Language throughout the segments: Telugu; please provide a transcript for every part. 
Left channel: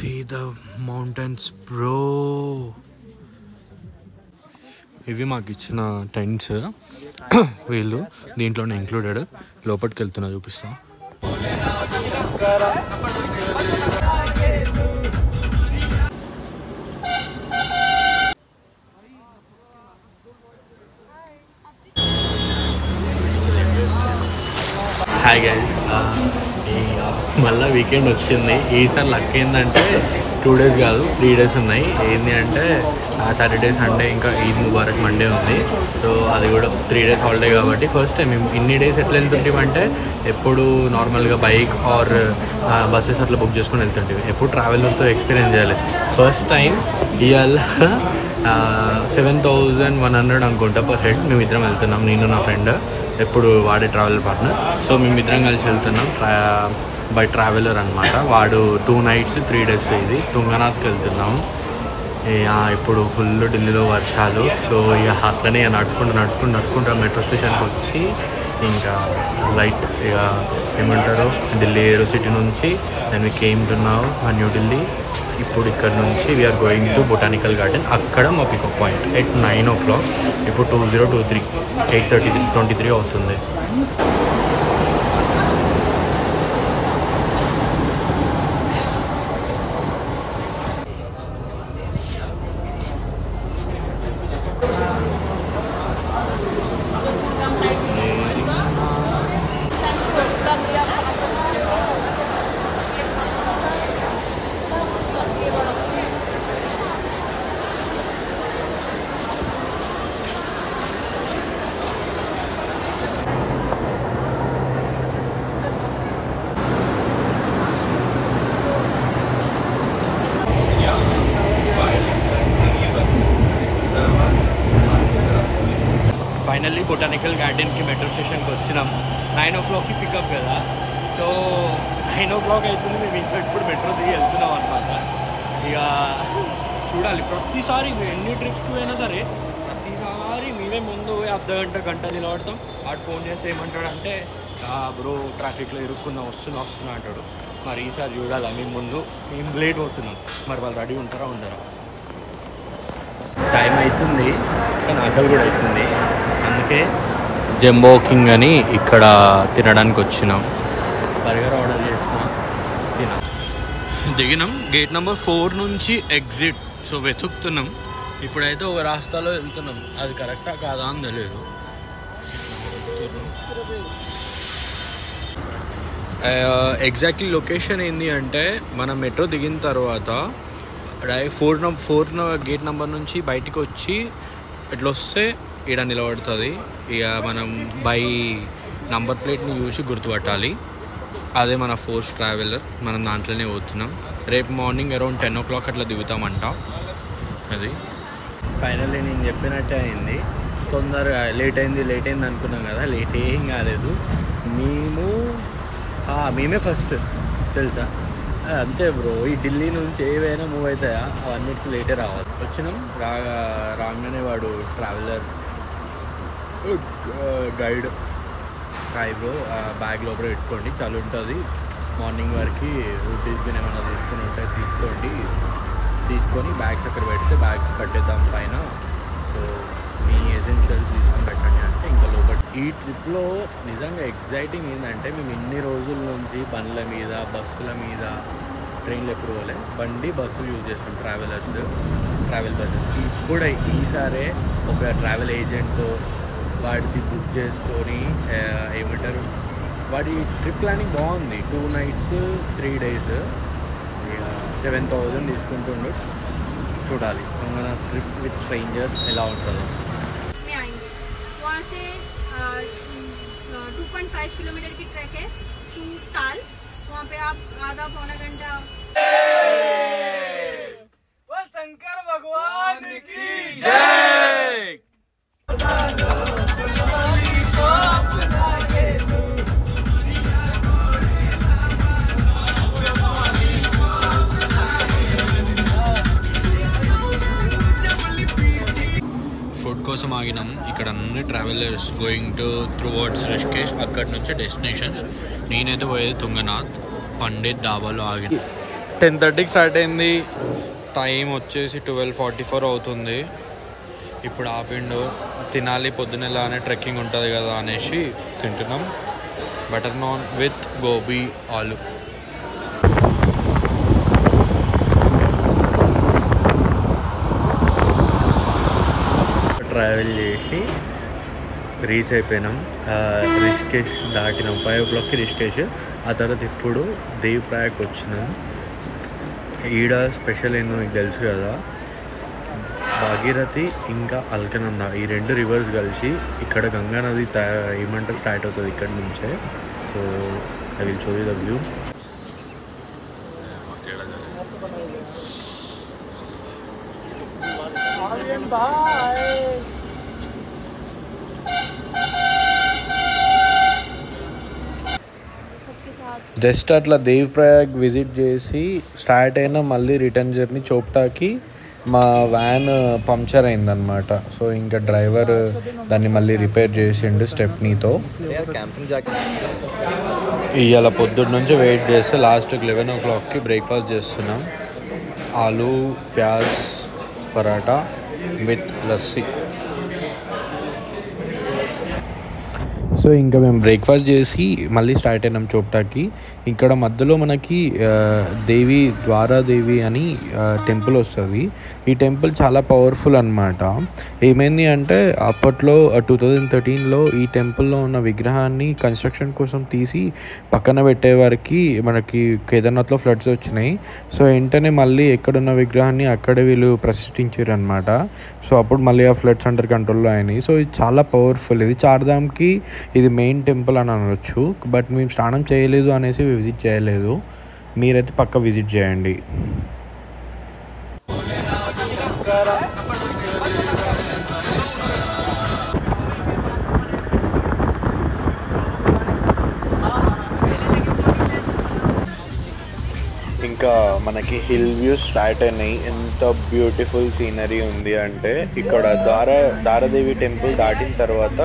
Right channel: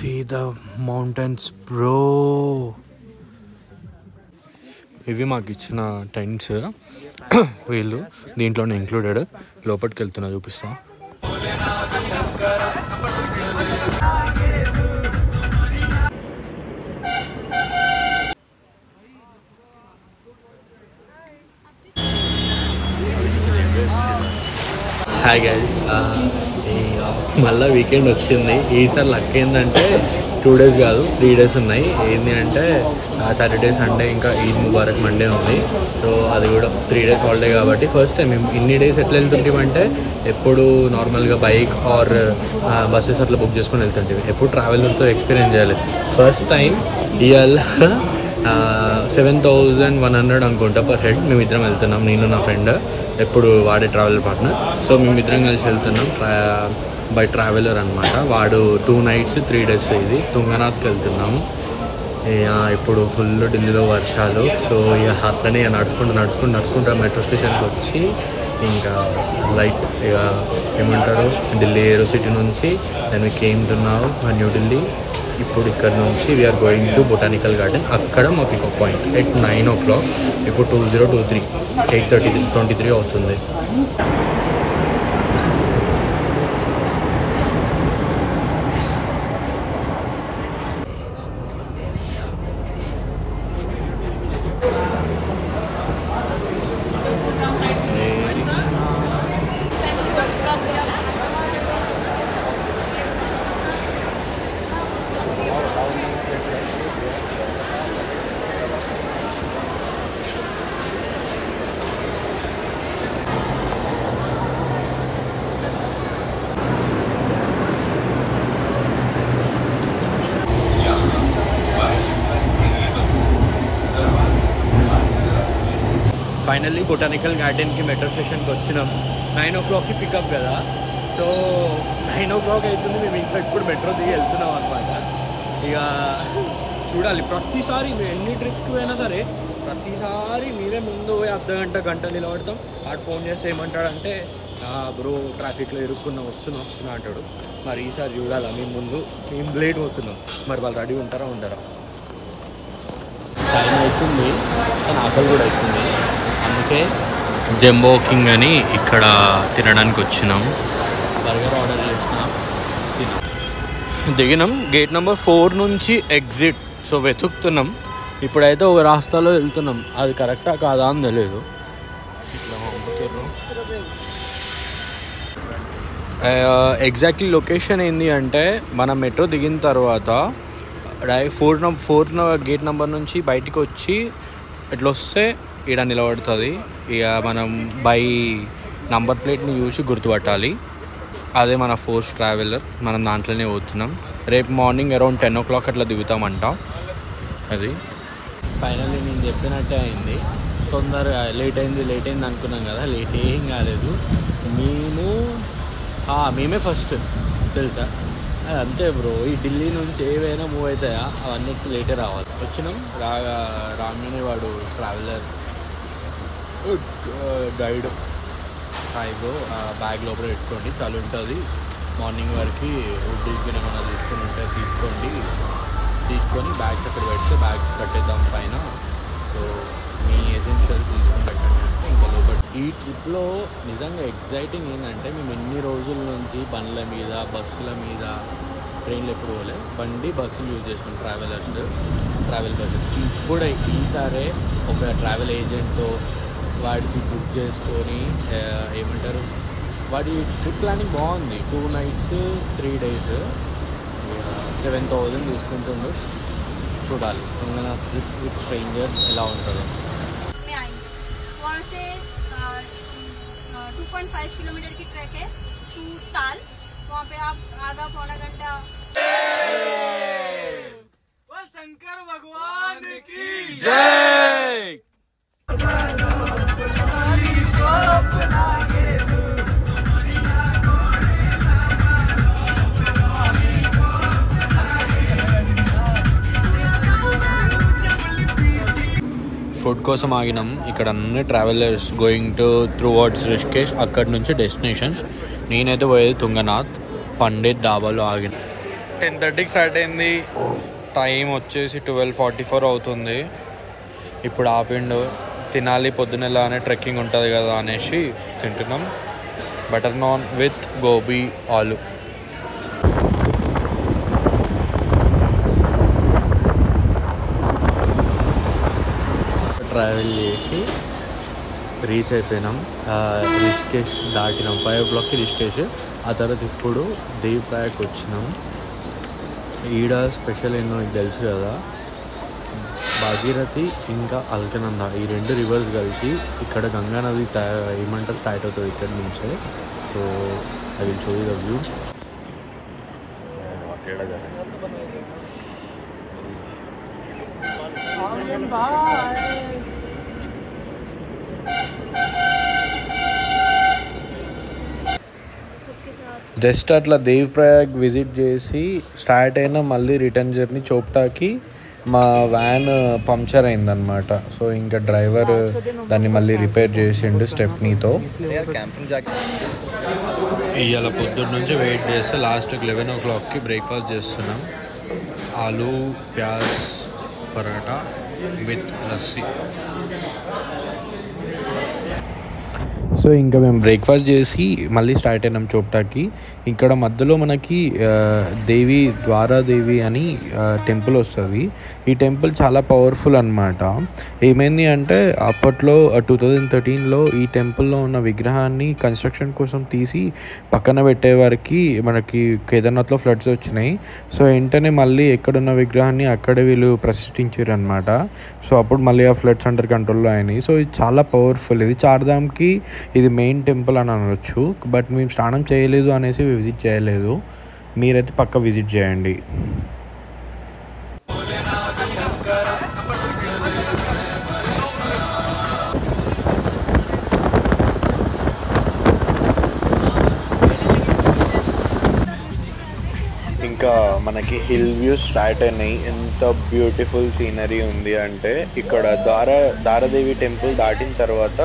See the mountains, bro. ఇవి మాకు ఇచ్చిన టెంట్స్ వీళ్ళు దీంట్లోనే ఇంక్లూడెడ్. లోపలికి వెళ్తున్నా, చూపిస్తా. హాయ్ గైస్, మళ్ళీ వీకెండ్ వచ్చింది. ఈసారి లక్ ఏంటంటే 2 days కాదు 3 days ఉన్నాయి. ఏంటి అంటే సాటర్డే సండే ఇంకా ఈద్ ముబారక్ మండే ఉంది. సో అది కూడా 3 days హాలిడే కాబట్టి ఫస్ట్ టైం మేము ఇన్ని డేస్ ఎట్లా వెళ్తుంటామంటే ఎప్పుడు నార్మల్గా బైక్ ఆర్ బస్సెస్ అట్లా బుక్ చేసుకొని వెళ్తుంటాం. ఎప్పుడు ట్రావెలర్తో ఎక్స్పీరియన్స్ చేయాలి. ఫస్ట్ టైం ఇవాళ 7,100 అనుకుంటా పర్ హెడ్ మేమిద్దరం వెళ్తున్నాం, నేను నా ఫ్రెండ్, ఎప్పుడు వాడే ట్రావెలర్ పార్ట్నర్. సో మేమిద్దరం కలిసి వెళ్తున్నాం బై ట్రావెలర్ అనమాట. వాడు 2 nights 3 days ఇది తుంగనాథ్కి వెళ్తున్నాం. ఇప్పుడు ఫుల్ ఢిల్లీలో వర్షాలు. సో ఇక అట్లనే నడుచుకుంటూ మెట్రో స్టేషన్కి వచ్చి ఇంకా లైట్ ఇక ఏమంటారు ఢిల్లీ ఏరో సిటీ నుంచి then we came to now New Delhi. ఇప్పుడు ఇక్కడ నుంచి we are going to botanical garden. అక్కడ మా పికప్ పాయింట్ ఎట్ 9 o'clock. ఇప్పుడు 2023 8:23 అవుతుంది. ఫైనల్లీ బొటానికల్ గార్డెన్కి మెట్రో స్టేషన్కి వచ్చినాం. 9 o'clockకి పికప్ కదా. సో 9 o'clock అవుతుంది. మేము ఇంకా ఇప్పుడు మెట్రో దిగి వెళ్తున్నాం అనమాట. ఇక చూడాలి. ప్రతిసారి మేము ఎన్ని ట్రిప్స్కి పోయినా సరే ప్రతిసారి మేమే ముందు పోయి గంట నిలబడతాం. వాడు ఫోన్ చేస్తే ఏమంటాడంటే బ్రో ట్రాఫిక్లో ఇరుక్కున్నా వస్తున్నా అంటాడు. మరి ఈసారి చూడాలా, మేము లేట్ అవుతున్నాం. మరి వాళ్ళు రెడీ ఉంటారా ఉండరా? టైం అవుతుంది కానీ ఆకలి కూడా అవుతుంది. అందుకే జంబో కింగ్ అని ఇక్కడ తినడానికి వచ్చినాం. బర్గర్ ఆర్డర్ చేసినాం, దిగినాం. గేట్ నెంబర్ 4 నుంచి ఎగ్జిట్. సో వెతుకుతున్నాం. ఇప్పుడైతే ఒక రాస్తాలో వెళ్తున్నాం. అది కరెక్టా కాదా అని తెలియదు. ఎగ్జాక్ట్లీ లొకేషన్ ఏంది అంటే మనం మెట్రో దిగిన తర్వాత డైరెక్ట్ 4 గేట్ నెంబర్ నుంచి బయటికి వచ్చి ఇట్లా వస్తే ఇక్కడ నిలబడుతుంది. ఇక మనం బై నంబర్ ప్లేట్ని చూసి గుర్తుపట్టాలి. అదే మన ఫోర్స్ ట్రావెలర్. మనం దాంట్లోనే పోతున్నాం. రేపు మార్నింగ్ అరౌండ్ 10 o'clock అట్లా దిగుతామంట. అది ఫైనల్లీ నేను చెప్పినట్టే అయింది. తొందరగా లేట్ అయింది అనుకున్నాం కదా, లేట్ ఏం కాలేదు. మేమే ఫస్ట్ తెలుసా. అంతే బ్రో, ఈ ఢిల్లీ నుంచి ఏవైనా మూవ్ అవుతాయా అవన్నిటికీ లేటే రావాలి. వచ్చినాం. రాగానే వాడు traveller guide hi bro bag లోపల పెట్టుకోండి చాలా ఉంటుంది, మార్నింగ్ వరకు ఉడ్డీస్కి ఏమైనా తీసుకుని ఉంటే తీసుకొని బ్యాగ్స్ అక్కడ పెడితే బ్యాగ్స్ కట్టేద్దాం పైన. సో మీ ఎసెన్షియల్ తీసుకొని పెట్టండి అంటే ఇంకా లోపల. ఈ ట్రిప్లో నిజంగా ఎగ్జైటింగ్ ఏంటంటే మేము ఇన్ని రోజుల నుంచి బండ్ల మీద బస్సుల మీద ట్రైన్లు ఎప్పుడు పోలే, బస్సులు యూజ్ చేస్తాం ట్రావెల్ బస్సెస్. ఇప్పుడు ఈసారే ఒక ట్రావెల్ ఏజెంట్తో వాడికి బుక్ చేసుకొని ఏమంటారు వాడి ట్రిప్ ప్లానింగ్ బాగుంది. 2 nights 3 days 7,000 తీసుకుంటుండు. చూడాలి తుంగనాథ్ ట్రిప్ విత్ స్ట్రేంజర్స్ ఎలా ఉంటుందో. 2.5 किलोमीटर की ट्रैक है टू ताल. वहाँ पे आप आधा पौना घंटा. बोल शंकर भगवान की जय. ఫుడ్ కోసం ఆగినాం. ఇక్కడ అన్ని ట్రావెలర్స్ గోయింగ్ టు త్రూవర్డ్స్ రిషికేష్, అక్కడి నుంచి డెస్టినేషన్స్. నేనైతే పోయేది తుంగనాథ్. పండిత్ డాబాలో ఆగిన. 10:30కి స్టార్ట్ అయింది. టైం వచ్చేసి 12:44 అవుతుంది. ఇప్పుడు ఆపిండు. తినాలి పొద్దునెలానే ట్రెక్కింగ్ ఉంటుంది కదా అనేసి తింటున్నాం. బటర్ నాన్ విత్ గోబీ ఆలు. ట్రావెల్ చేసి రీచ్ అయిపోయినాం. రిషికేష్ దాటినాం. 5 o'clockకి రిషికేష్. ఆ తర్వాత ఇప్పుడు దేవ్ ప్రయాగ్కి వచ్చినాం. ఈడ స్పెషల్ ఏందో మీకు తెలుసు కదా, భాగీరథి ఇంకా అల్కనంద ఈ 2 రివర్స్ కలిసి ఇక్కడ గంగా నది ఏమంటారు స్టార్ట్ అవుతుంది ఇక్కడ నుంచే. So I will show you the view. Just అట్లా దేవ్ ప్రయాగ్ విజిట్ చేసి స్టార్ట్ అయినా మళ్ళీ రిటర్న్ జర్నీ చోప్టాకి మా వ్యాన్ పంక్చర్ అయిందనమాట. సో ఇంకా డ్రైవర్ దాన్ని మళ్ళీ రిపేర్ చేసిండు స్టెప్నీతో. ఇవాళ పొద్దున్న నుంచి వెయిట్ చేస్తే లాస్ట్కి 11 o'clockకి బ్రేక్ఫాస్ట్ చేస్తున్నాం. ఆలూ ప్యాజ్ పరాటా విత్ లస్సీ. సో ఇంకా మేము బ్రేక్ఫాస్ట్ చేసి మళ్ళీ స్టార్ట్ అయినాం చోప్టాకి. ఇక్కడ మధ్యలో మనకి ద్వారాదేవి అని టెంపుల్ వస్తుంది. ఈ టెంపుల్ చాలా పవర్ఫుల్ అనమాట. ఏమైంది అంటే అప్పట్లో 2013లో ఈ టెంపుల్లో ఉన్న విగ్రహాన్ని కన్స్ట్రక్షన్ కోసం తీసి పక్కన పెట్టేవారికి మనకి కేదార్నాథ్లో ఫ్లడ్స్ వచ్చినాయి. సో వెంటనే మళ్ళీ ఎక్కడున్న విగ్రహాన్ని అక్కడే వీళ్ళు ప్రతిష్ఠించారు అనమాట. సో అప్పుడు మళ్ళీ ఆ ఫ్లడ్స్ అండర్ కంట్రోల్లో అయినాయి. సో ఇది చాలా పవర్ఫుల్. ఇది చార్ధామ్కి ఇది మెయిన్ టెంపుల్ అని అనవచ్చు. బట్ మేము స్నానం చేయలేదు అనేసి విజిట్ చేయలేదు. మీరైతే పక్క విజిట్ చేయండి. ఇంకా మనకి హిల్ వ్యూస్ స్టార్ట్ అయినాయి. ఎంత బ్యూటిఫుల్ సీనరీ ఉంది అంటే ఇక్కడ దారాదేవి టెంపుల్ దాటిన తర్వాత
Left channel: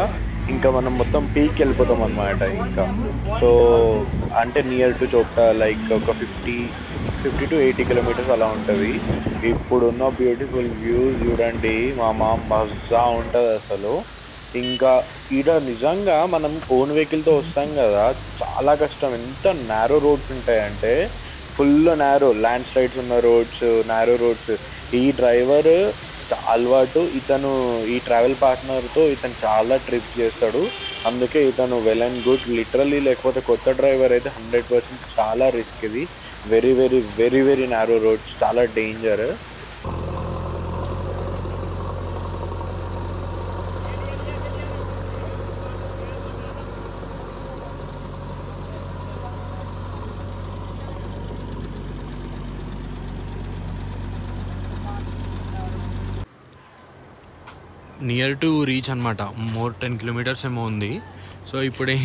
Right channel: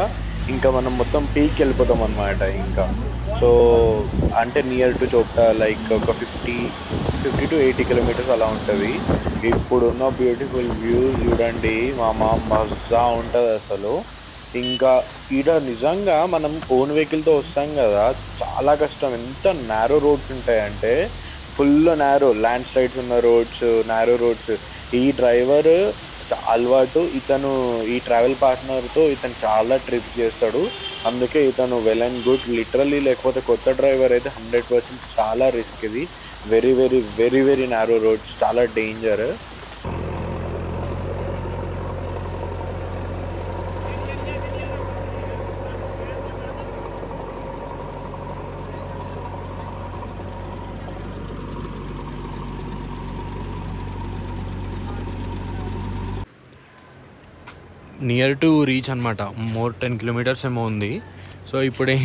ఇంకా మనం మొత్తం పీక్ వెళ్ళిపోతాం అన్నమాట. ఇంకా సో అంటే నియర్ టు చోప్టా లైక్ ఒక 50 to 80 kilometers అలా ఉంటుంది. ఇప్పుడున్న బ్యూటిఫుల్ వ్యూస్ చూడండి మామ, మజా ఉంటుంది అసలు. ఇంకా ఈడ నిజంగా మనం ఓన్ వెహికల్తో వస్తాం కదా, చాలా కష్టం. ఎంత నేరో రోడ్స్ ఉంటాయంటే ఫుల్ నేరో, ల్యాండ్ స్లైడ్స్ ఉన్న రోడ్స్, నేరో రోడ్స్. ఈ డ్రైవర్ అలవాటు, ఇతను ఈ ట్రావెల్ పార్ట్నర్తో ఇతను చాలా ట్రిప్స్ చేస్తాడు. అందుకే ఇతను వెల్ అండ్ గుడ్ లిటరలీ. లేకపోతే కొత్త డ్రైవర్ అయితే 100% చాలా రిస్క్. ఇది very very very very narrow roads, చాలా డేంజర్. నియర్ టు రీచ్ అనమాట. మోర్ 10 kilometers ఏమో ఉంది. సో ఇప్పుడే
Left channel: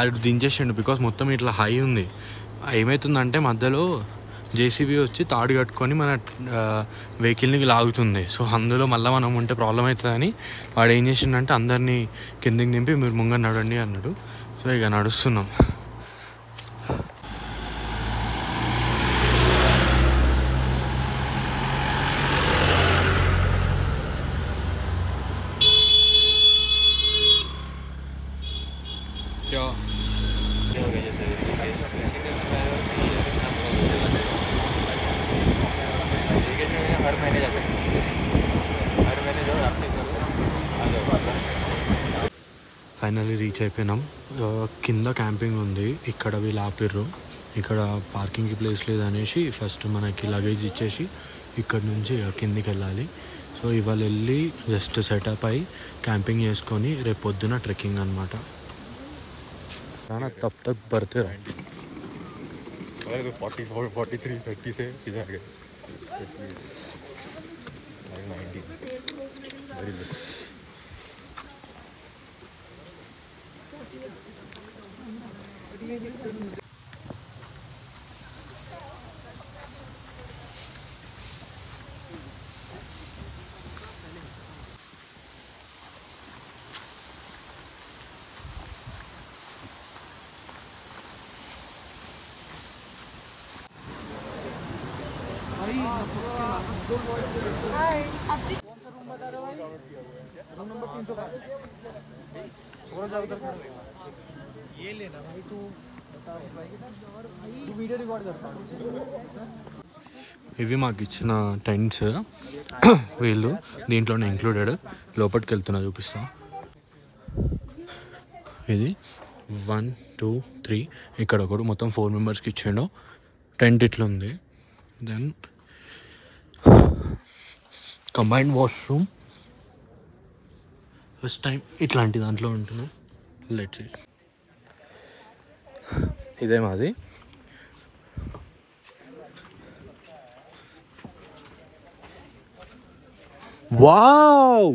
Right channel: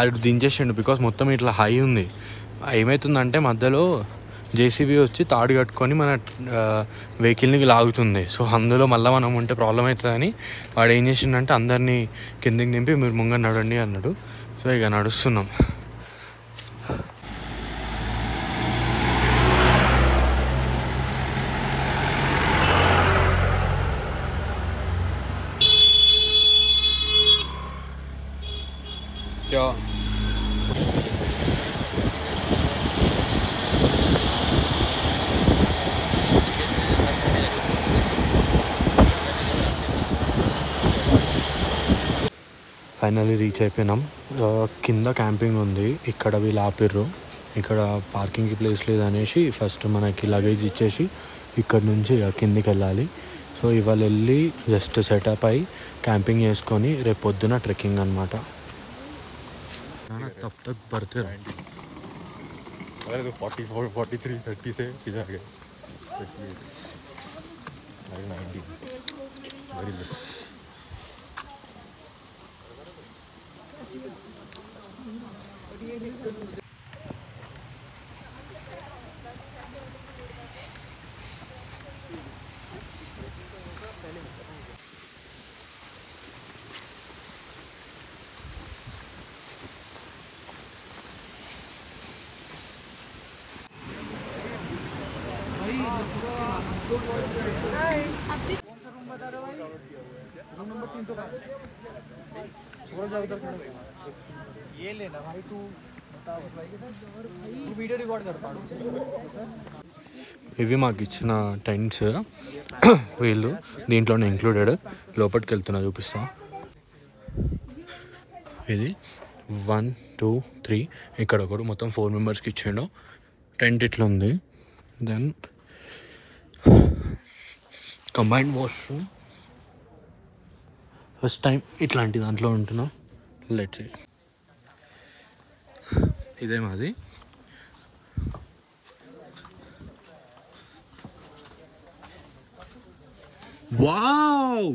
అది దించేసిండు బికాస్ మొత్తం ఇట్లా హై ఉంది. ఏమవుతుందంటే మధ్యలో జేసీబీ వచ్చి తాడు కట్టుకొని మన వెహికల్ని లాగుతుంది. సో అందులో మళ్ళీ మనం ఉంటే ప్రాబ్లం అవుతుందని వాడు ఏం చేసిండంటే అందరినీ కిందికి నింపి మీరు ముంగ నడండి అన్నాడు. సో ఇక నడుస్తున్నాం. ఫైనల్లీ రీచ్ అయిపోయినాం. కింద క్యాంపింగ్ ఉంది. ఇక్కడ వీళ్ళు ఆపిర్రు. ఇక్కడ పార్కింగ్కి ప్లేస్ లేదనేసి ఫస్ట్ మనకి లగేజ్ ఇచ్చేసి ఇక్కడ నుంచి కిందికి వెళ్ళాలి. సో ఇవాళ వెళ్ళి జస్ట్ సెటప్ అయ్యి క్యాంపింగ్ చేసుకొని రేపు పొద్దున ట్రెక్కింగ్ అనమాట. तब तक बढ़ते रहो. 44, 43, 30 से इधर गए 90 वेरी गुड. ఇవి మాకు ఇచ్చిన టెంట్స్ వీళ్ళు దీంట్లోనే ఇంక్లూడెడ్. లోపలికి వెళ్తున్నా చూపిస్తా. ఇది 1 2 3 ఇక్కడ ఒకడు మొత్తం 4 మెంబర్స్కి ఇచ్చాడు. టెంట్ ఇట్లా ఉంది. Then combined washroom. First time ఇట్లాంటి దాంట్లో ఉంటున్నా. Let's see. ఇదే మాది. Wow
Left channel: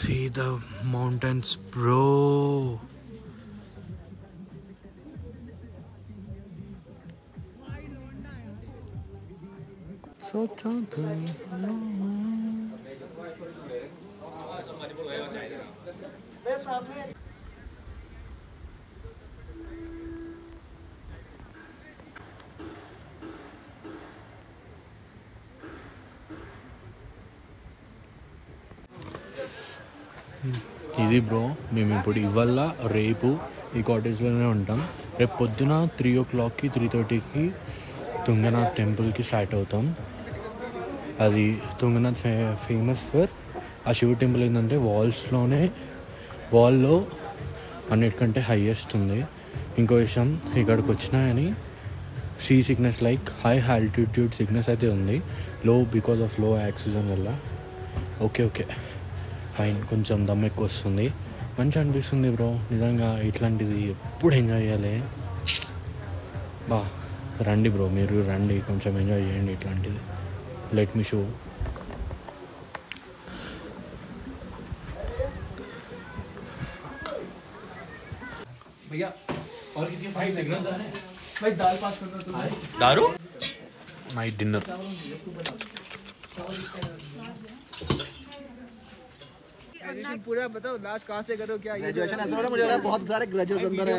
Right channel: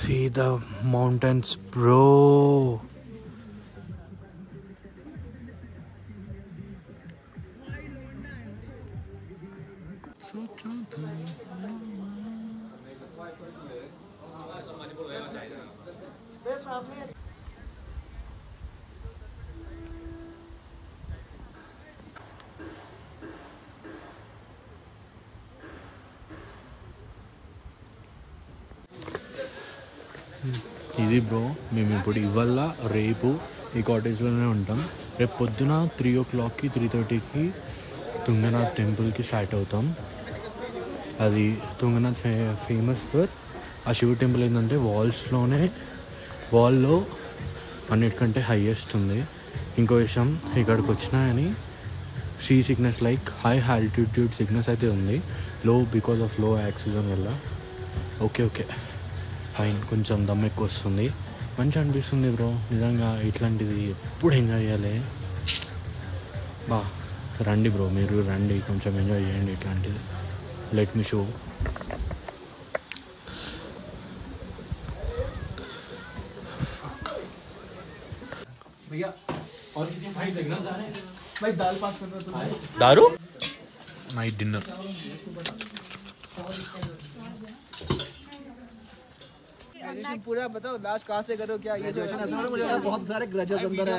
see the mountains bro. So ఇది బ్రో, మేము ఇప్పుడు ఇవాళ రేపు ఈ కాటేజ్లోనే ఉంటాం. రేపు పొద్దున 3 o'clockకి 3:30కి తుంగనాథ్ టెంపుల్కి స్టార్ట్ అవుతాం. అది తుంగనాథ్ ఫేమస్ ఫర్ ఆ శివ టెంపుల్. ఏంటంటే వాల్లో అన్నిటికంటే హైయెస్ట్ ఉంది. ఇంకో విషయం, ఇక్కడికి వచ్చినా అని sea sickness like high altitude sickness అయితే ఉంది. Low because of low oxygen వల్ల. Okay fine. కొంచెం దమ్ ఎక్కువ వస్తుంది. మంచిగా అనిపిస్తుంది బ్రో నిజంగా. ఇట్లాంటిది ఎప్పుడు ఎంజాయ్ చేయాలి. రండి బ్రో, మీరు రండి, కొంచెం ఎంజాయ్ చేయండి ఇట్లాంటిది. Let me show. दारू नाइट डिनर. पूरा बताओ लास्ट कहाँ से करो, क्या ग्रेजुएशन ऐसा मुझे बहुत सारे ग्रेजुएशन अंदर है.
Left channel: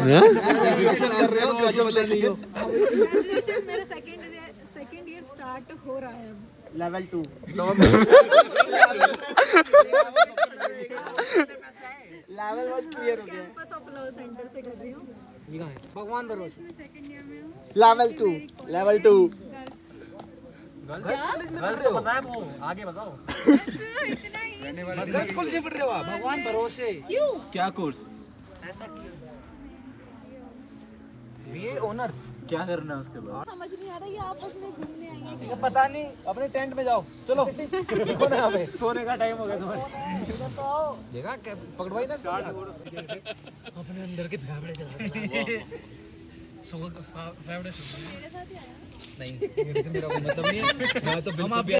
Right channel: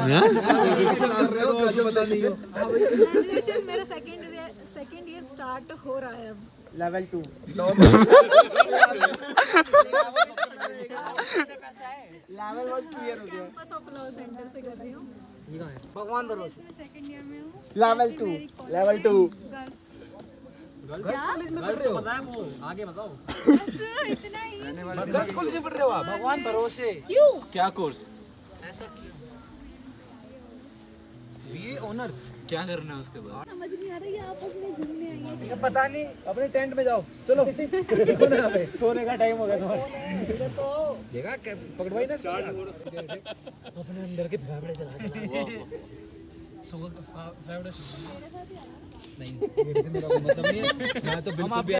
ग्रेजुएशन मेरा सेकंड ईयर स्टार्ट हो रहा है अब. लेवल 2 लेवल 1 क्लियर हो गया. कैंपस ऑफ लॉ सेंटर से कर रही हूँ. भगवान भरोसे. लेवल 2 क्या पता है वो आगे बताओ. गर्ल्स कॉलेज में पढ़ रहे हो आप? भगवान भरोसे. क्यों? क्या कोर्स? ऐसा बीए ऑनर्स. क्या करना है उसके बाद? समझ नहीं आ रहा है. आपस में घूमने आएंगे. ये पता नहीं. अपने टेंट में जाओ. चलो सोने का टाइम हो गया तुम्हारा. देखा पकड़वाई ना स्टार्ट. अपने अंदर के फेवरेट चला फेवरेट नहीं. मेरा कोई मतलब नहीं है. मैं तो बिल्कुल भी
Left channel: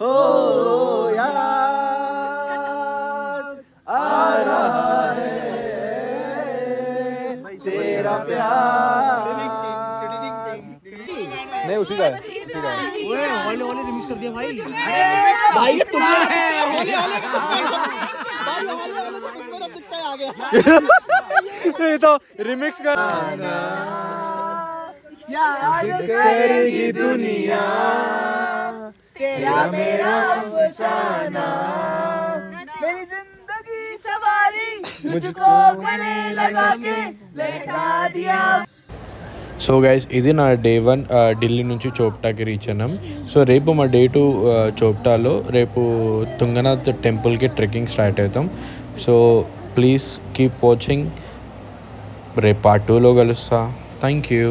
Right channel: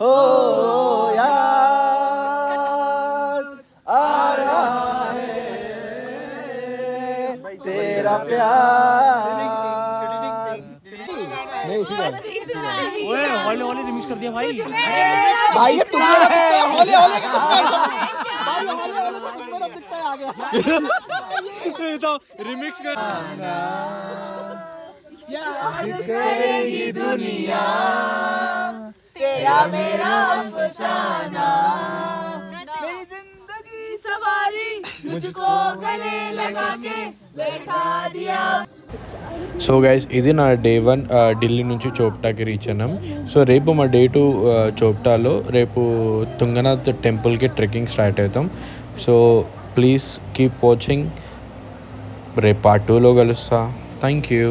हो यार आ रहा है तेरा प्यार. नहीं उसी का. ओए होले रिमिक्स कर दिया भाई. भाई ये तुम मेरा दिखता है. होले का भाई होले तो तुम मेरा दिखता है. आ गया ये तो रिमिक्स कर. याद करेगी दुनिया तेरा मेरा अफसाना. मेरी जिंदगी सवारी मुझको गले लगा के बैठा दिया. సో గైస్, ఇది నా డే 1 ఢిల్లీ నుంచి చోప్టాకి రీచ్ అయినాం. సో రేపు మా డే 2 చోప్టాలో రేపు తుంగనాథ్ టెంపుల్కి ట్రెక్కింగ్ స్టార్ట్ అవుతాం. So please keep watching. రేపు పార్ట్ 2లో కలుస్తా. Thank you.